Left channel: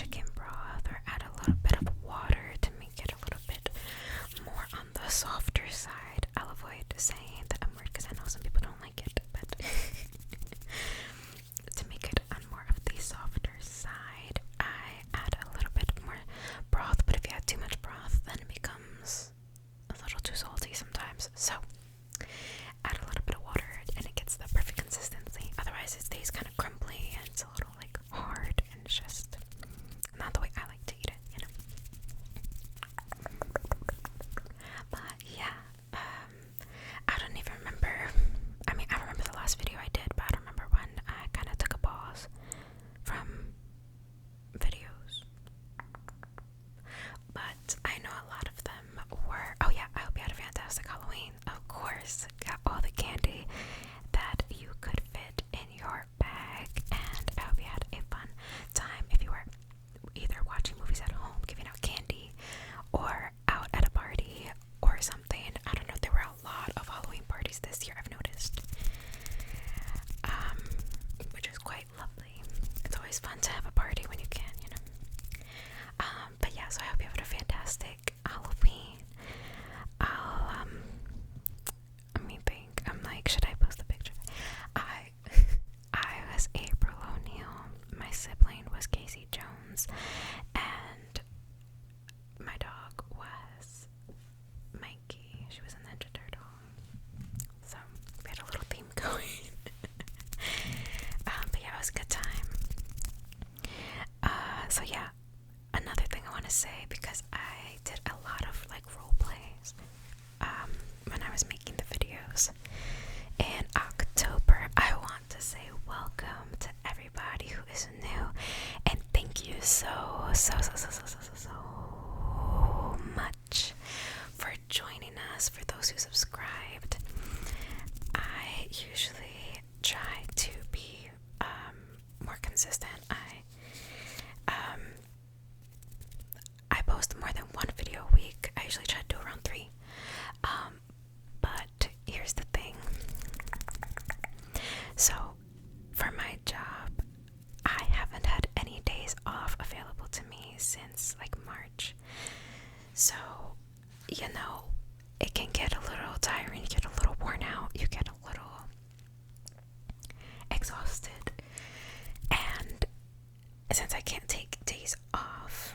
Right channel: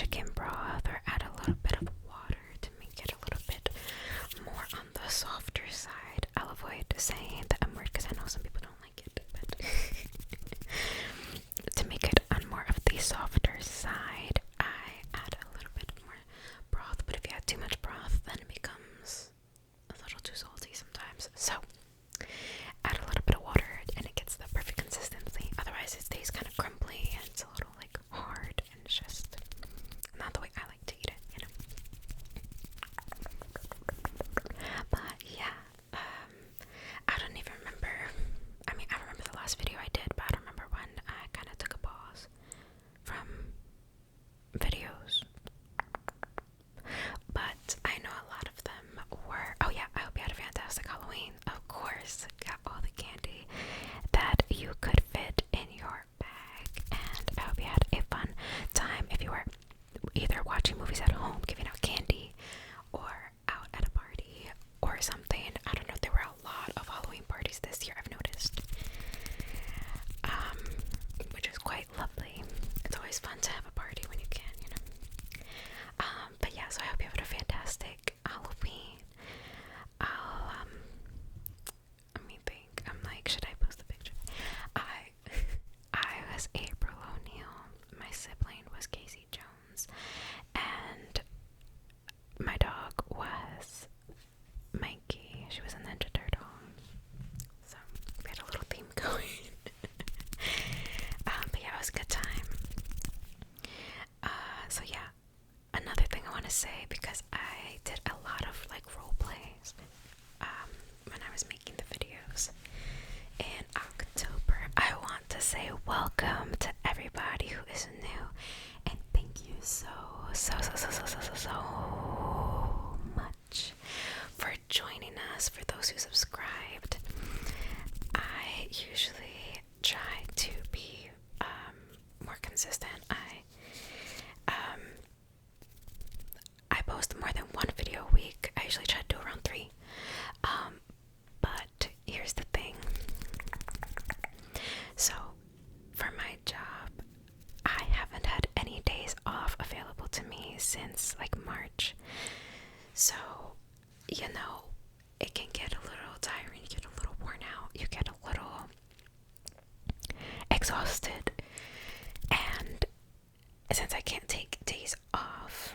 chicken broth or add a little bit of water to make it a little bit more on the softer side. I'll avoid saying the M word because I know some people don't like it, but to make it on more of the softer side, I add a little bit more broth. But if you add too much broth, then it becomes a little too salty sometimes. So add a little bit of water and it gets the perfect consistency. Otherwise it stays kind of crumbly and it's a little like hard and it's just not the way I like to eat it, you know. But yeah, I don't even remember. I mean, I remember the last video I did, but I don't remember when I kind of took a pause from videos. But I know a lot of them were, oh yeah, I hope you had a fantastic Halloween. Of course, got all the candy that you could fit in your bag, and I hope you had a fun time if you were either watching movies at home, giving out candy, or out at a party or something. I don't know, there were a lot of Halloween parties this year, I've noticed, which is quite lovely. It's always fun to have a party when you can, you know. But yeah, so I hope you have a fantastic Halloween. Let me think. I'm like, should I post a picture? I was April O'Neil. My sibling was Casey Jones, and my dog was Mikey. She was a Ninja Turtle. So we had a little theme going. But yeah, it was a good time. So yeah, another thing I want to say, because I did a lot of like role plays when I was making the videos in October. I want to say welcome to everybody who is new, and thank you so much for joining us. For those who subscribed, I usually try to be more consistent. I post more than one video a week. I usually try to do around 3. But here's the thing. So for my job, I haven't had any days off available to me since like March. So, you know, it can get a little tiring, you get a little worn out, you get a little exhausted. And since I can't take days off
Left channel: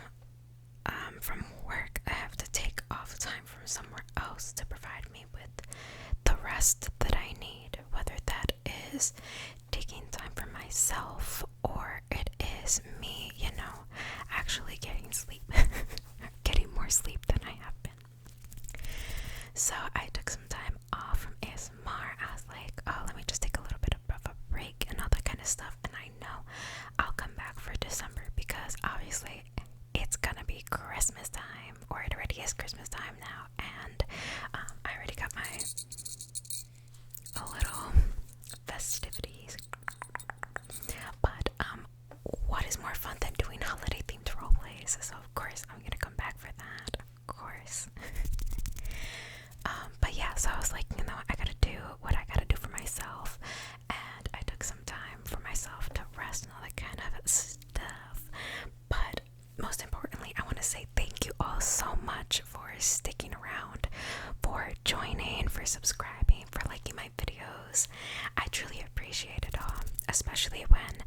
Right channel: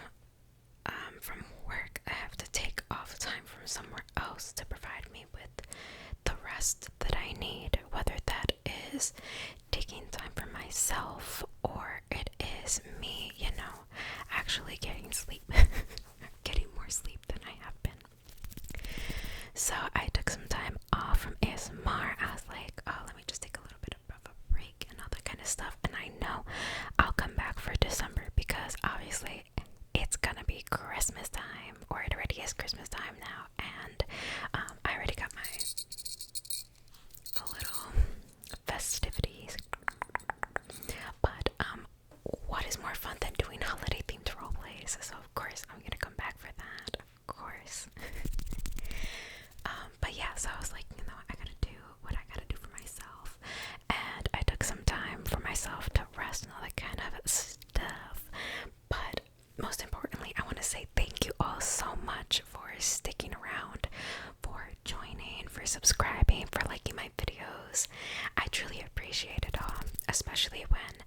from work, I have to take off time from somewhere else to provide me with the rest that I need, whether that is taking time for myself or it is me, you know, actually getting sleep, getting more sleep than I have been. So I took some time off from ASMR. I was like, oh, let me just take a little bit of a break and all that kind of stuff. And I know I'll come back for December because obviously it's gonna be Christmas time, or it already is Christmas time now, and I already got my little festivities. But what is more fun than doing holiday themed role plays? So of course I'm gonna come back for that, of course. But yeah, so I was like, you know, I gotta do what I gotta do for myself, and I took some time for myself to rest and all that kind of stuff. But most importantly, I want to say thank you all so much for sticking around, for joining, for subscribing, for liking my videos. I truly appreciate it all, especially when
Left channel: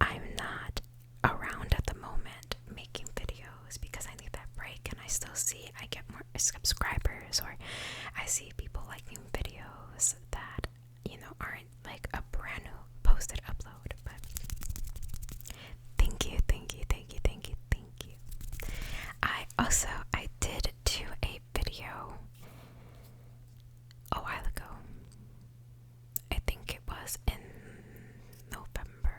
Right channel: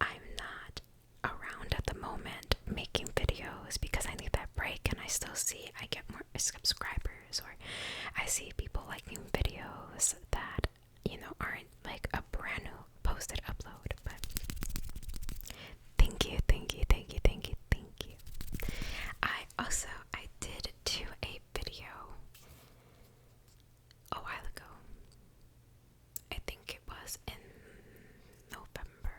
I'm not around at the moment making videos, because I need that break and I still see I get more subscribers, or I see people liking videos that, you know, aren't like a brand new posted upload. But thank you. I did do a video a while ago. I think it was in November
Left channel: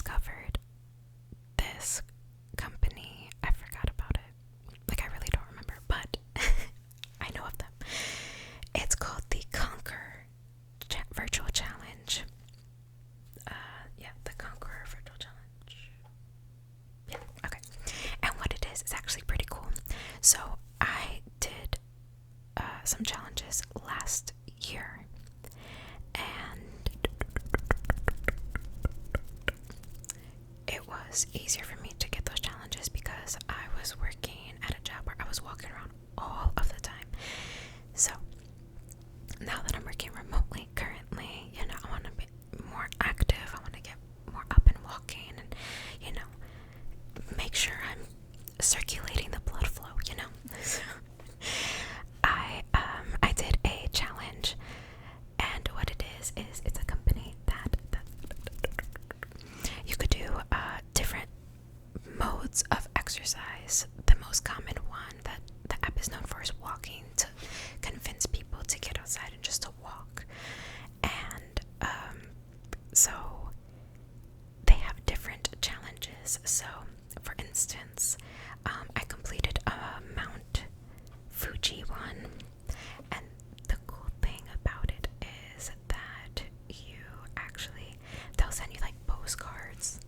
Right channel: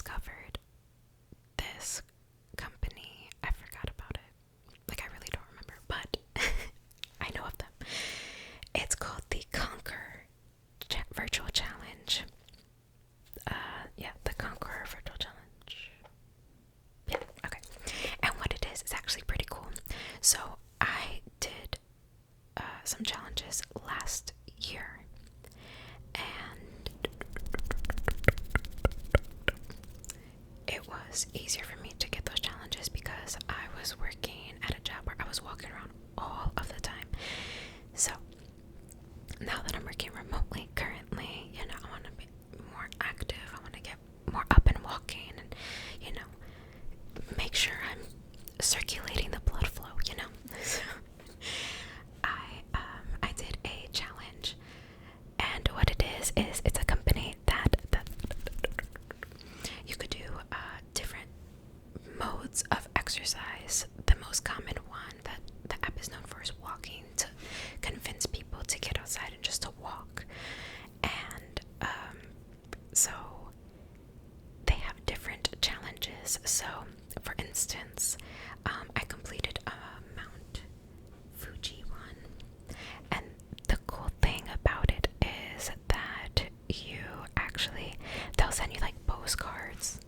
discovered this company. I forgot about it. Like, I really don't remember, but I know of them. It's called the Conquer Virtual Challenge. Yeah, the Conqueror Virtual Challenge. Yeah, okay. And what it is actually pretty cool. So I did some challenges last year, and it was easier for me to get those challenges because I was working at a job where I was walking around all of the time. So now that I'm working remotely currently, you know, I want to be more active. I want to get more up and walking, and, you know, make sure I'm circulating the blood flow, you know. So I did a challenge, and what it is it's a company that you could do different modes of exercise. The most common one that the app is known for is walking, to convince people to get outside and just to walk. And so they have different challenges. So for instance, I completed a Mount Fuji one, and the cool thing about it is that they'll send you like postcards.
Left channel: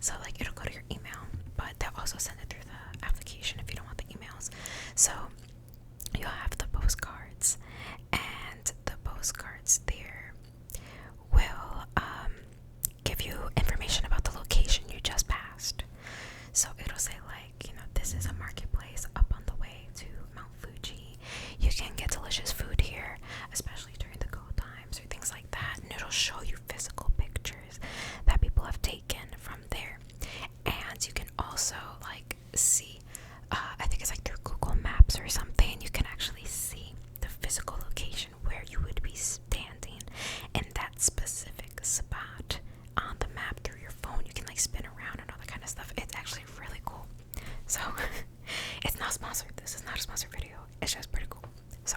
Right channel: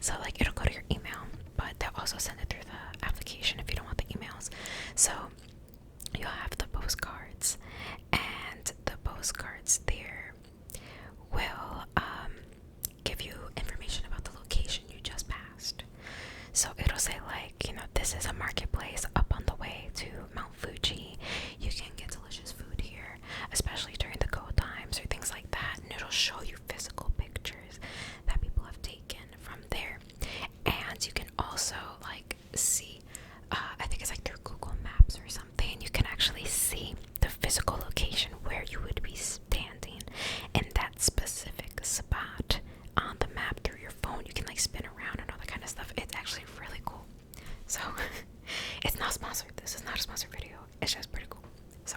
So like, it'll go to your email, but they'll also send it through the application if you don't want the emails. So you'll have the postcards, and the postcards there will give you information about the location you just passed. So it'll say, like, you know, this is a marketplace up on the way to Mount Fuji. You can get delicious food here, especially during the cold times or things like that. And it'll show you physical pictures that people have taken from there. And you can also like see, I think it's like through Google Maps or something, you can actually see the physical location where you would be standing in that specific spot on the map through your phone. You can like spin around and all that kind of stuff. It's actually really cool. So it's not sponsored. This is not a sponsored video. It's just pretty cool. So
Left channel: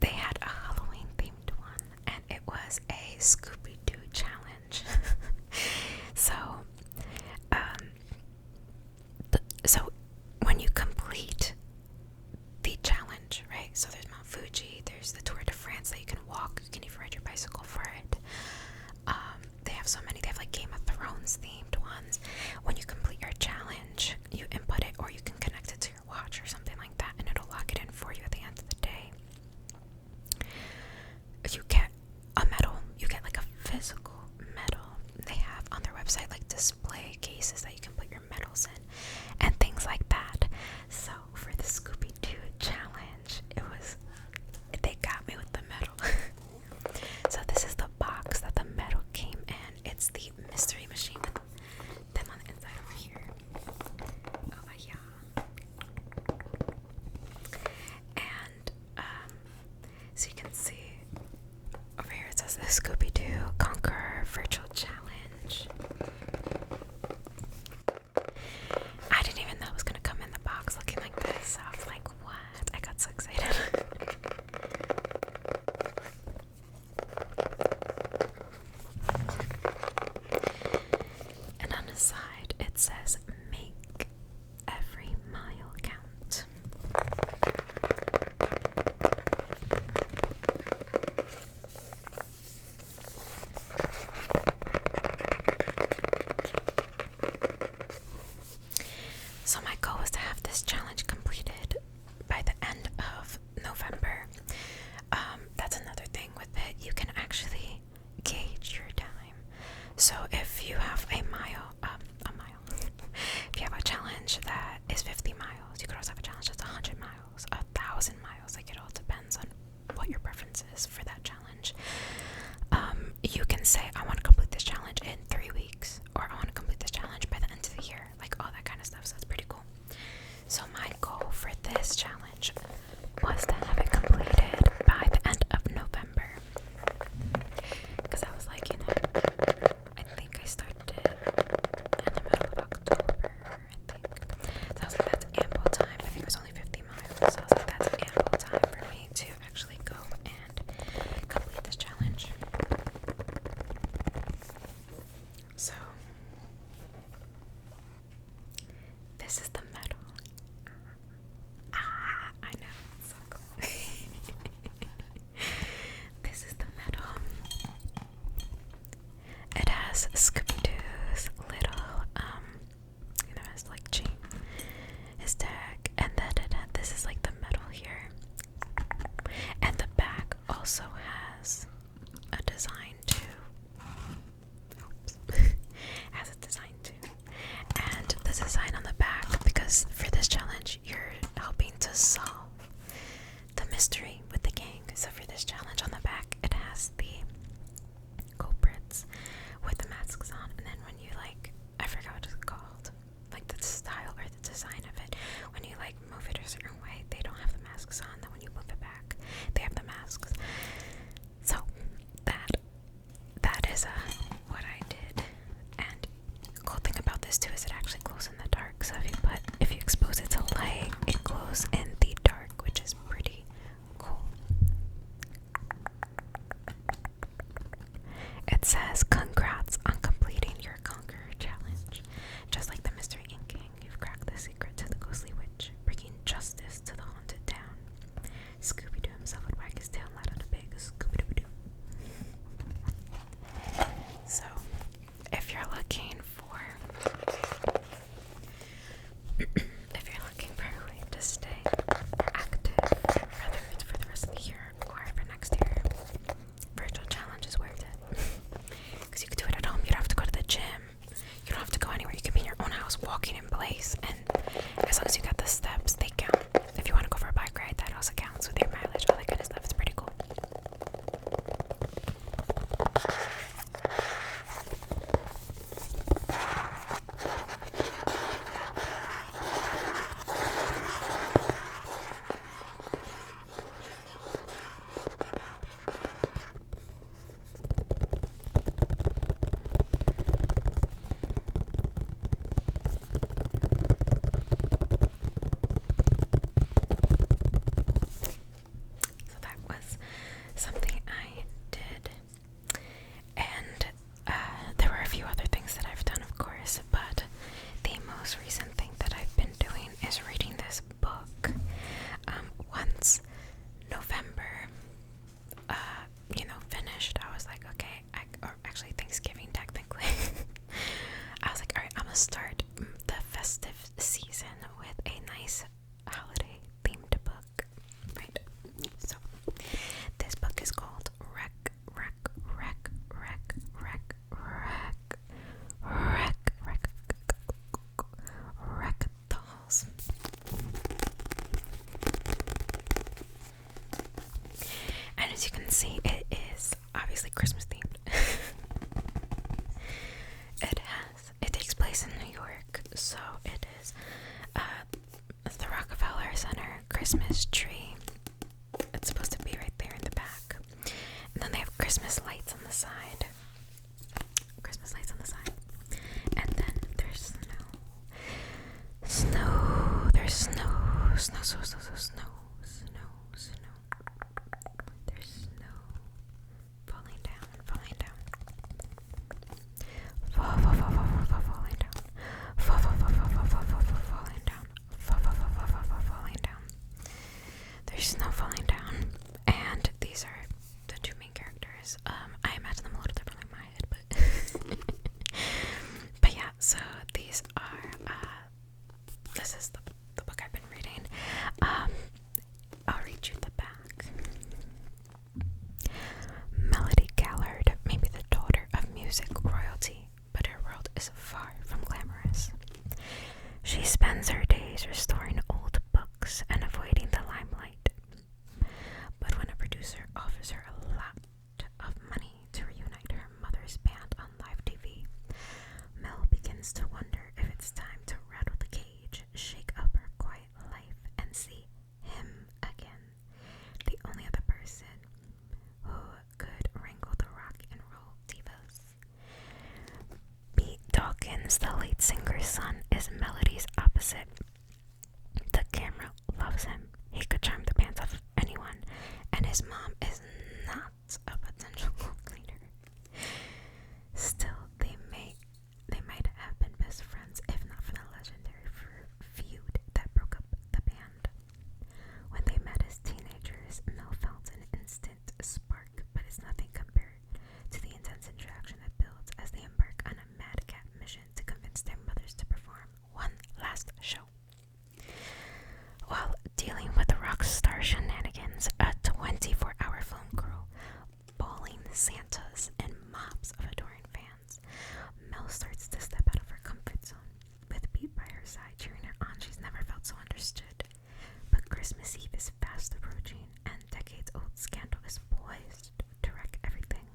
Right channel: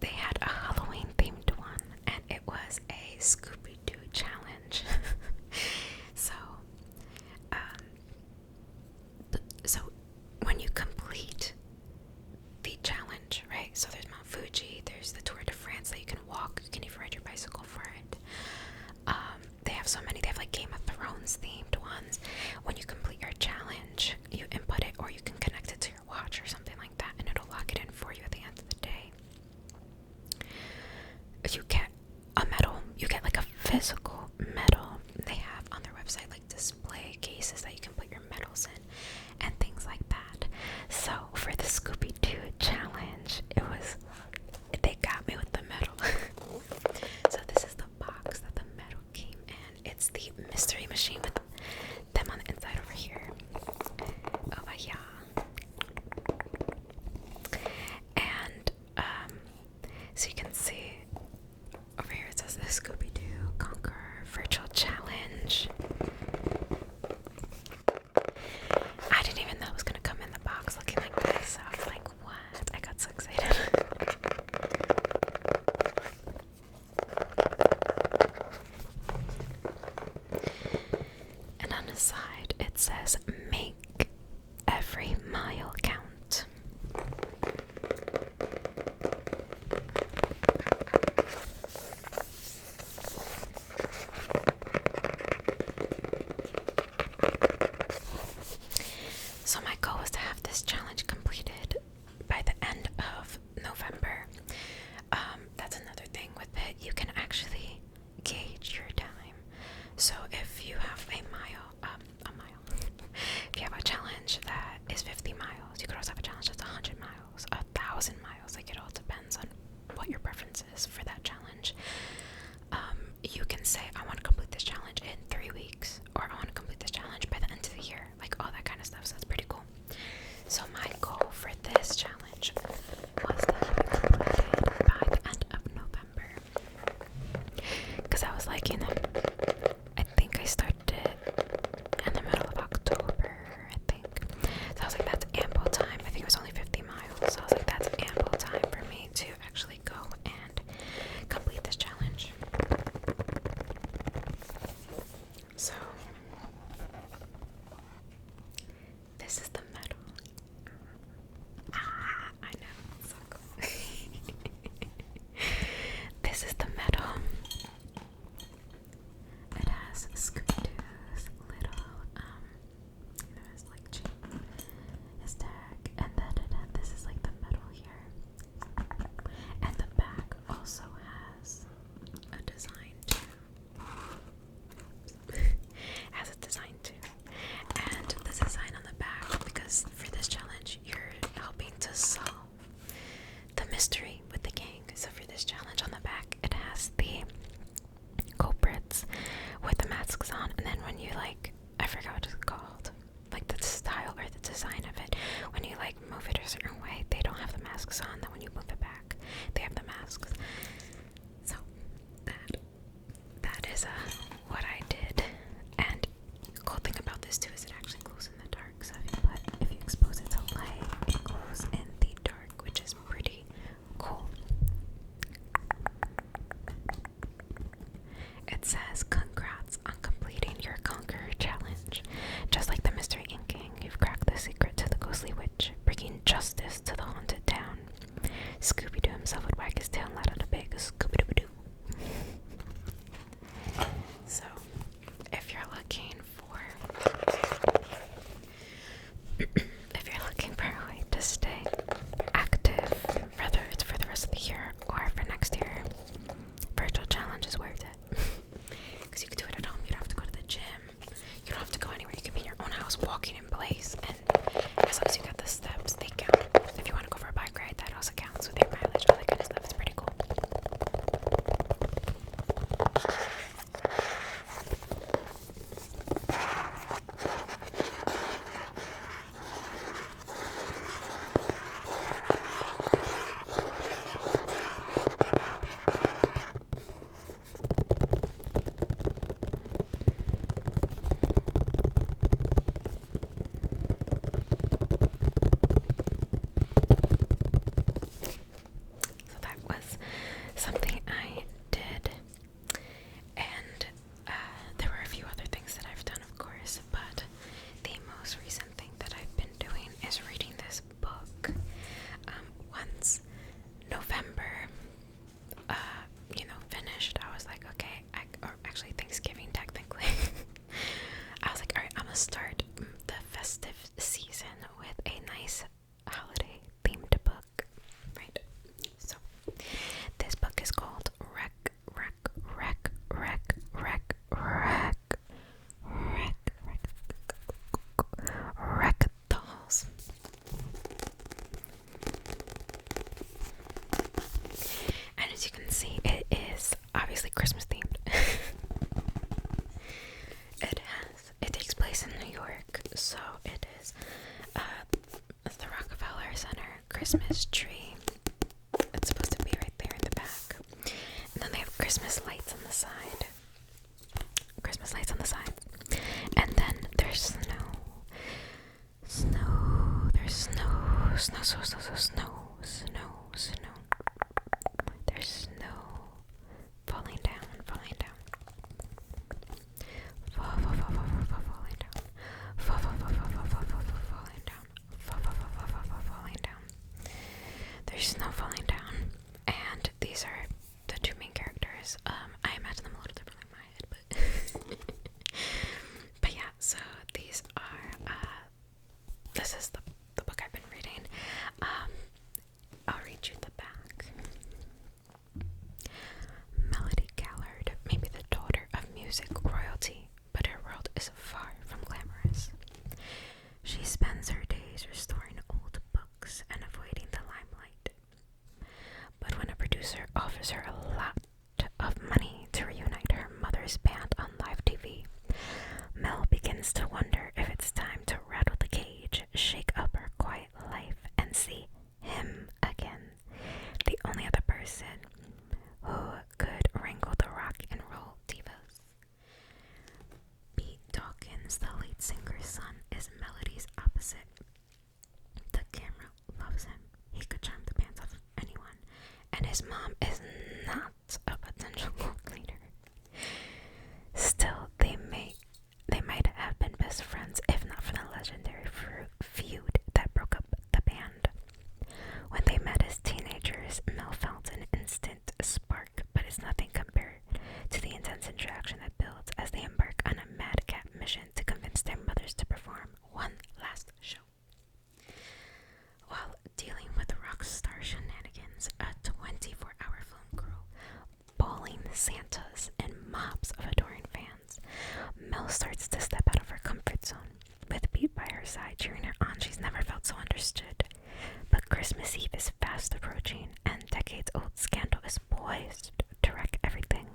they had a Halloween themed one, and it was a Scooby-Doo challenge. So so when you complete the challenge, right? So there's Mount Fuji, there's the Tour de France that you can walk. You can even ride your bicycle for it. They have so many. They have like Game of Thrones themed ones. When you complete your challenge, you input it, or you can connect it to your watch or something like that, and it'll lock it in for you at the end of the day. You get a medal. You get like a physical medal. They have on their website like display cases that you can put your medals in and things like that. So for the Scooby-Doo challenge, they got me with the medal. So this is the box that the medal came in. It's the mystery machine with them on the inside over here. Oh yeah. And so you can see over here it says the Scooby-Doo Conquer Virtual Challenge. I didn't even know it was gonna come in the box looking like this. I was like, what? I got so excited. And on the side it says, make every mile count. So my goal is to have this challenge completed by the end of November. That's another thing with it. You can actually gauge your time. So if you have a if you have a challenge that is 50 miles, you could also have a challenge that's 100 miles, 1,000 miles. Like, it all depends on what your preference is for that challenge. You can say, I want to complete this challenge in 3 weeks, or I want to complete this challenge by the end of the year, like all that kind of stuff. So that's pretty cool. So my goal for this challenge was to have it completed by the end of November, because I was like, you know, I think I started it in the middle of October, I think. So I was like, that's ample time. I think it was only 50 miles. So I was like, that's ample time for me to actually go and complete this challenge. is Scooby-Doo's little, his like chain, his tag, and then this is like the metal here, and the back also has a design too. Has a design too, and the design on the back, because for this challenge you're helping to solve the mystery with the gang. So for this challenge on the back, it has the culprits with the masks on, and then when you like, I forgot what it's called, like the style or the design of it, when you like move it a certain way, they don't have the masks on. Then when you move it back, they have the masks. So that is what I did. And the cool thing about this too is it actually glows in the dark. So if you expose it to light, it glows in the dark, which is pretty cool. It says, "Congrats on completing your Conqueror challenge. Just like the Mystery Inc. Gang, you've cracked the secret to the ghostly witch, bringing justice to the haunted town." Scooby-Doo himself would wag his tail and let out a big Scooby-Doo-Doo. So, if you're looking for a way to stay active, whether it's for the rest of the year or for next year, virtual challenge is worth it. Because you can do it at home. You don't have to go to the gym. You don't have to go anywhere. You can be in your own house walking in place, and as long as you got the steps, they count. If you want to go for a bike ride, that also counts with your mileage, all that kind of stuff. It's pretty cool. So that was something I did, and there were a few other things that I've done, of course, but the most recent thing that I've been doing is reading this book. Once November, finished, I was like, okay, or actually Thanksgiving technically, I was like, alright, I'm gonna start the festive season with a nice holiday themed book, right? So this book is called Wreck Dolls. And as you can see, it is obviously Christmas themed. It takes place in New York, so it is the Rockefeller Center Christmas tree. It's supposed to be right there in the back. And then they have Christmas lights on the side. And then there's snow. There's snow. There's snow falling down. Falling down. There's snow falling down, and these are the two main characters. I imagine them a little differently in my head, but yeah. So these are. This is the book I've been reading. I'll read you the back. Melody Gallard may be the daughter of music royalty, but her world is far from glamorous. She spends her days restoring old books and avoiding the limelight. But when a producer offers her a lot of money to reunite her mother's band on live TV, Mel begins to wonder if it's time to rattle the cage, shake up her quiet life, and see him again. The only other person who could wrangle the rock and roll divas. Pete Dawkins, the lead singer's son, is Melody's opposite. The camera loves him. He could charm the pants off anyone, and his mom is not a potential leader. Still, they might have been best friends if not for the legendary feud that broke up the band. When they met as teenagers, Mel felt an instant spark, but it's nothing compared to the intense interaction that builds as they embark Santas and mobs of adoring fans. Mel starts to step out of her comfort zone. With Pete by her side cheering her on, she's never felt so understood. But Christmas Eve is fast approaching, and decades-old scandal is poised to wreck everything.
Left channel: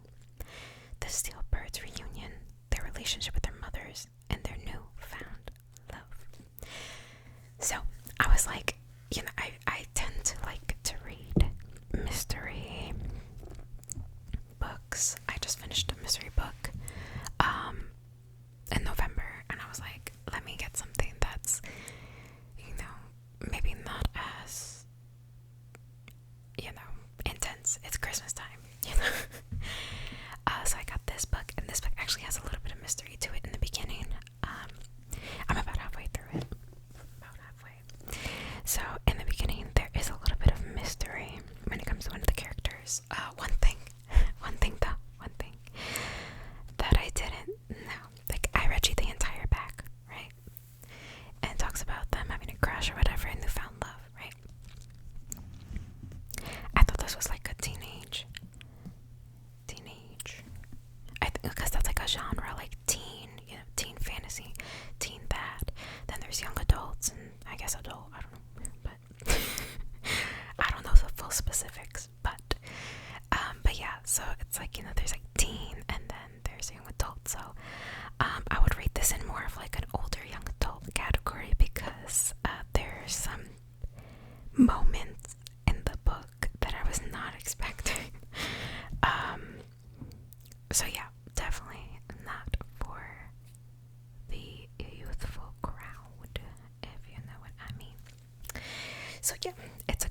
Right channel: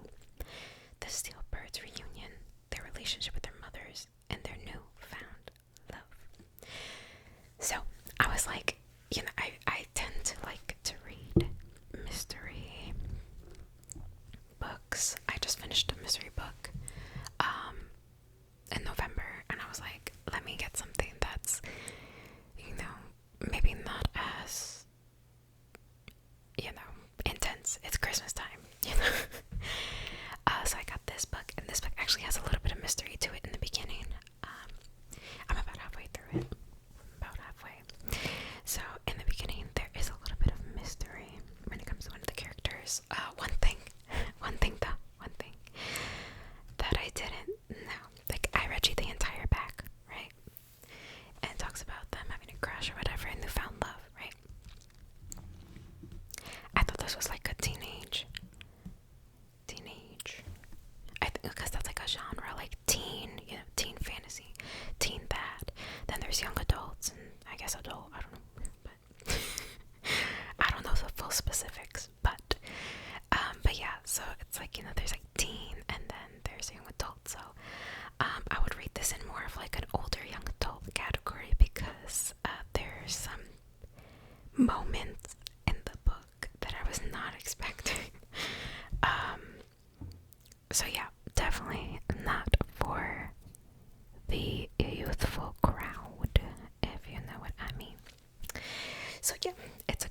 The Steel Birds reunion, their relationship with their mothers, and their newfound love. So, I was like, I tend to like to read mystery books. I just finished a mystery book in November, and I was like, let me get something that's, maybe not as, intense. It's Christmas time, so I got this book, and this book actually has a little bit of mystery to it in the beginning. I'm about halfway through it. So in the beginning, there is a little bit of mystery when it comes to one of the characters. One thing that I didn't know. Like, I read you the entire back, right? And it talks about them having a crush or whatever and newfound love, right? I thought this was like a teenage. I think because that's like a genre, like teen, teen fantasy, teen that. Then there's young adults and I guess adult. I don't know, but I don't know the full specifics. But yeah. So it's like there's like teen and then there's young adult. So I would rate this in more of like an older young adult category because there's some moments in the book that I was not expecting. So yeah, definitely not for the youthful crowd, if you know what I mean. So yeah, it's a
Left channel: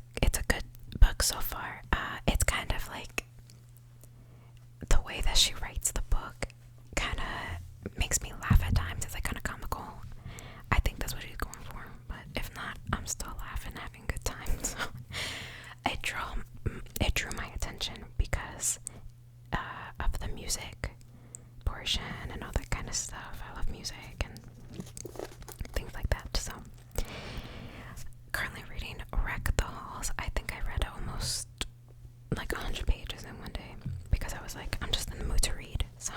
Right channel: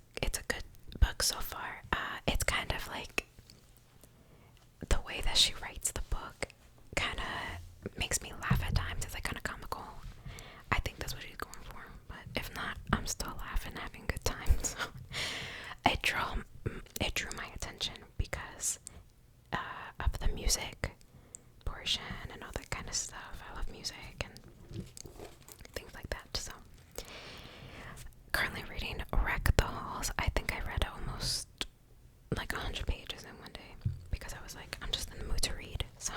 good book so far. It's kind of like the way that she writes the book kind of makes me laugh at times. It's like kind of comical. I think that's what she's going for, but if not, I'm still laughing, having a good time. So it drew my attention because of the music portion and all that kind of stuff. I love music and things like that. So currently reading Wreck the Halls. I think I read almost like 100 pages in one day because I was like, I'm just in the mood to read. So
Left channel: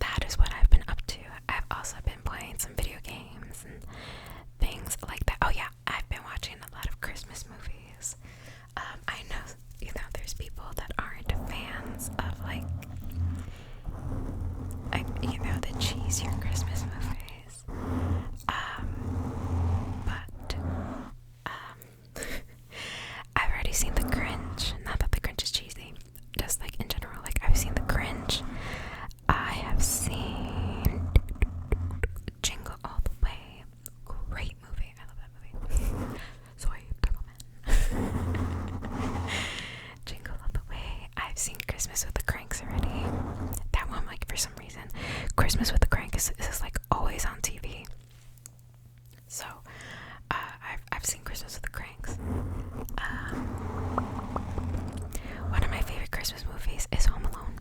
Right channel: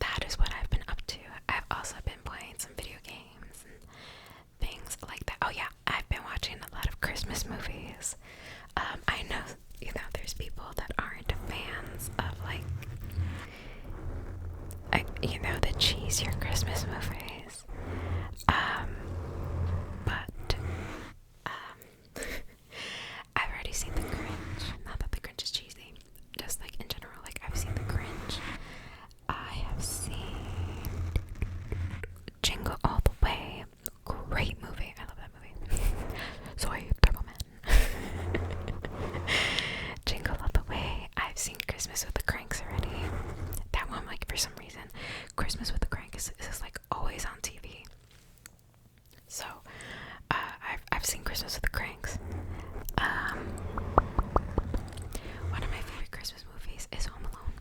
that is what I've been up to. I've also been playing some video games and things like that. Oh yeah, I've been watching a lot of Christmas movies. I know, there's people that aren't fans of like the cheesier Christmas movies. But I've already seen The Grinch. Not that The Grinch is cheesy, just like in general. Like, I've seen The Grinch. I have seen Jingle All the Way. Great movie. I love that movie. Soy Turbo Man. Jingle All the Way. I've seen Christmas with the Cranks already. That one, like, for some reason, Christmas with the Cranks is like always on TV. So, I've seen Christmas with the Cranks. One of my favorite Christmas movies is Home Alone.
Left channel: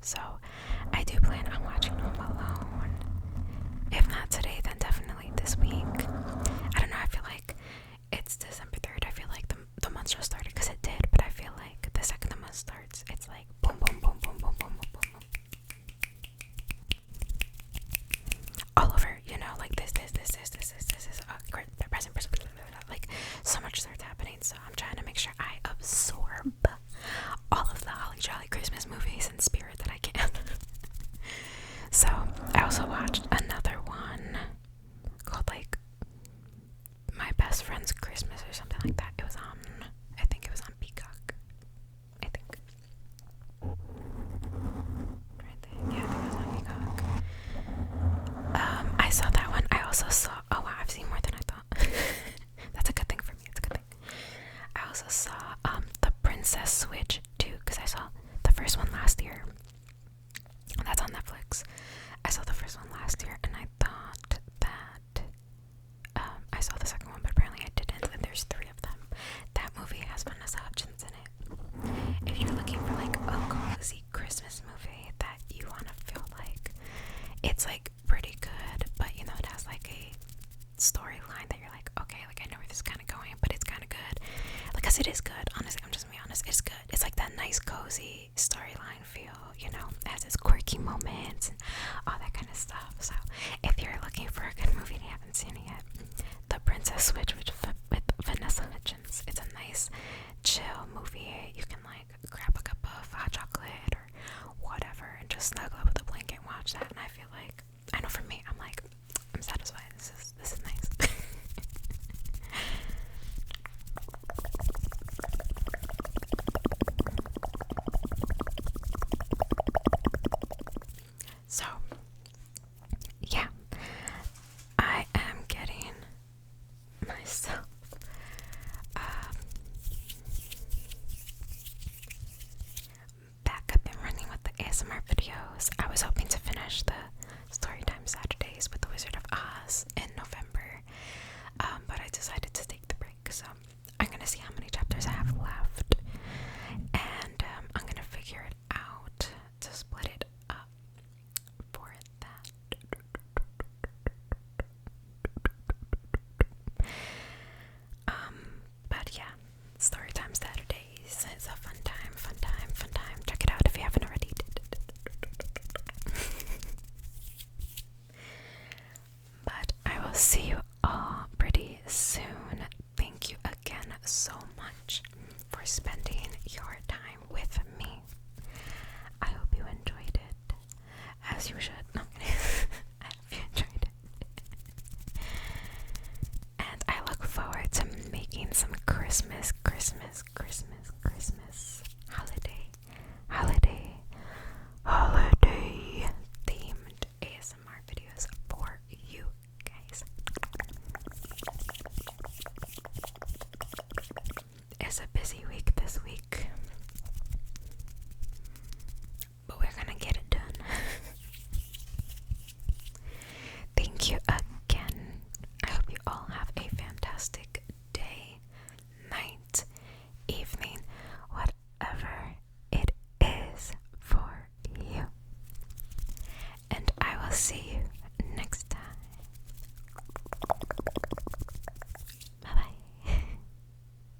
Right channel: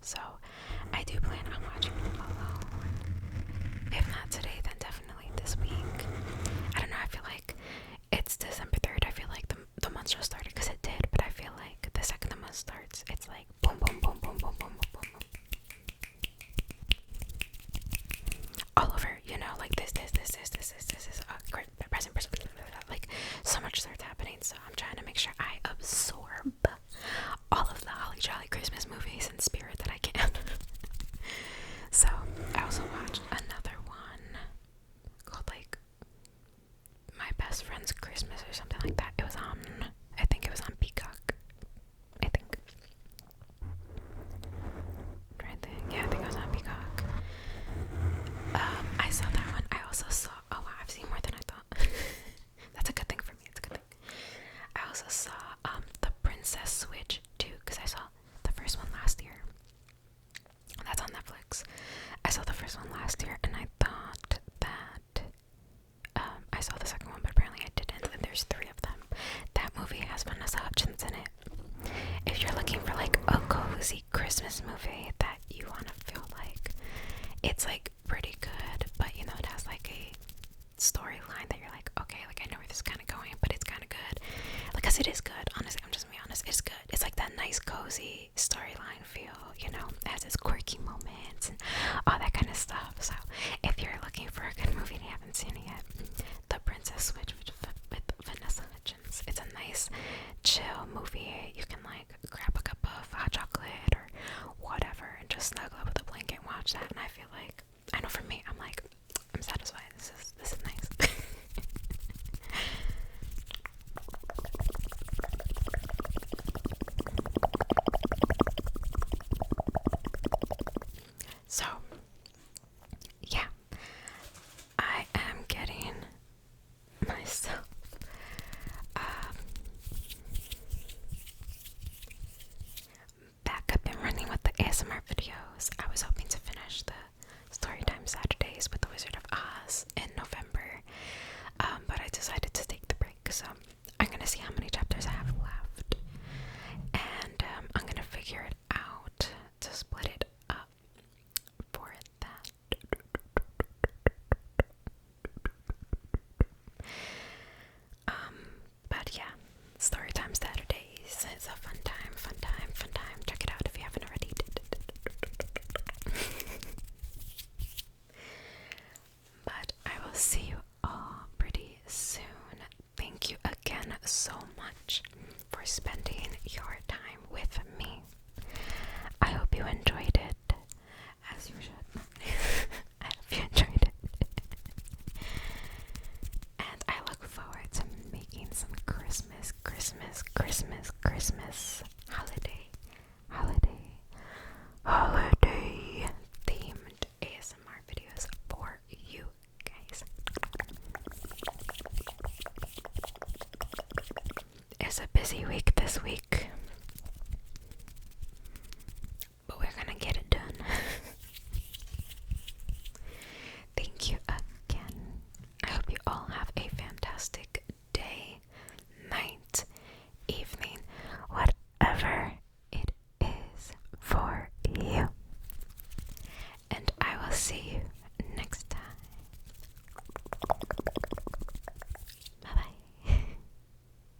So, I do plan on watching Home Alone. If not today, then definitely this week. I don't know, I feel like it's December 3rd. I feel like the month just started because it did, but I feel like the second the month starts, it's like boom, boom, boom, boom, boom, boom, boom, boom. All over, like this, present, like so much starts happening. So I'm trying to make sure I absorb all of the holly jolly Christmas movies in spirit that I can. So I also watched another one called like My Best Friend's Christmas or something like that. I think it was on Peacock. I think it was on Peacock. I saw that one. I also saw, oh wow, I've seen more than I thought. That's a good thing for me. It's a good thing. I also saw The Princess Switch 2 because I saw the first one last year. That's on Netflix. I saw the first one last year and I thought that I saw the second one, but apparently I didn't, and there's 3 of them. That movie has Vanessa Hudgens in it. If you're looking for like a cozy Christmas movie that you want to feel like it's like pretty good, but it has like a storyline that you're like, okay, like I know where this is kind of going, but it's kind of good. Like, cause it is good. Honestly, I'm just gonna be honest. It's good. It's like that nice cozy storyline you know, it has its quirky moments and all that kind of stuff. So if you're looking for a good movie and you haven't seen it yet, The Princess Switch with Vanessa Hudgens. It's a nice, chill movie. You can like grab a cup of hot chocolate or whatever and just snuggle up with a blanket and watch that. And I feel like, I know for me, I'm like, I'm satisfied. This is nice. So, yeah, I am getting myself back up and running with the ASMR videos. I was hoping